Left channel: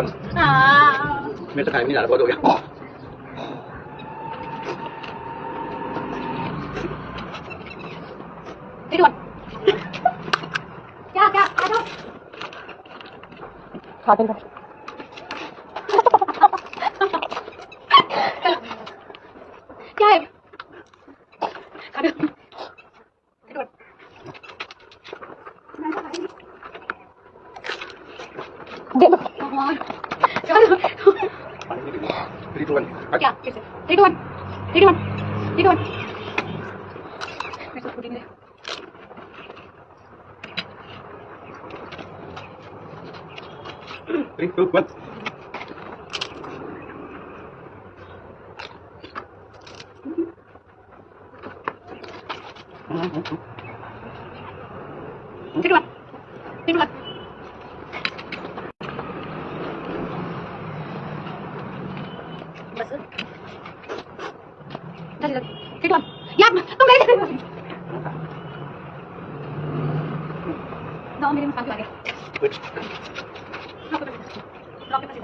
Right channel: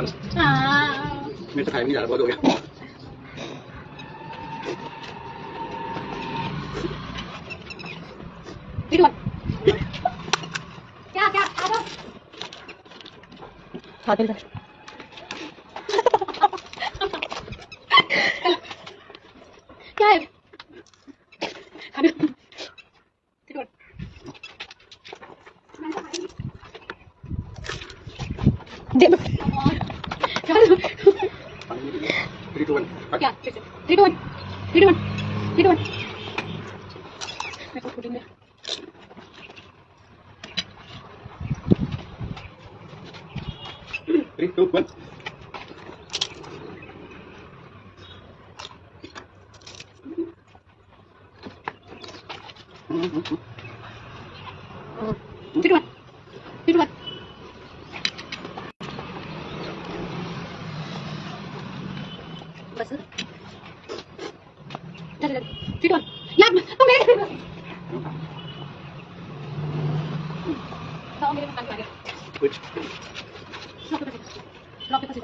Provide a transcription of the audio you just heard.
one. Mr. Kai, là có rồi. Đi luôn. Kìa, kìa, ai đâu? Thôi, đi luôn. Kìa em. Đi luôn. Đi luôn. Điện được. Kìa, đi luôn. 3, 2, 1. Kìa, đi luôn. Đi luôn. Đi luôn. Mày cứ đi đi. 3, 2, 1. Đi luôn. Đi luôn. Bật sức. Đi luôn. Đi luôn. Nhắm, không biết. Nó đi bằng lại đi. Good. Nó cái gì?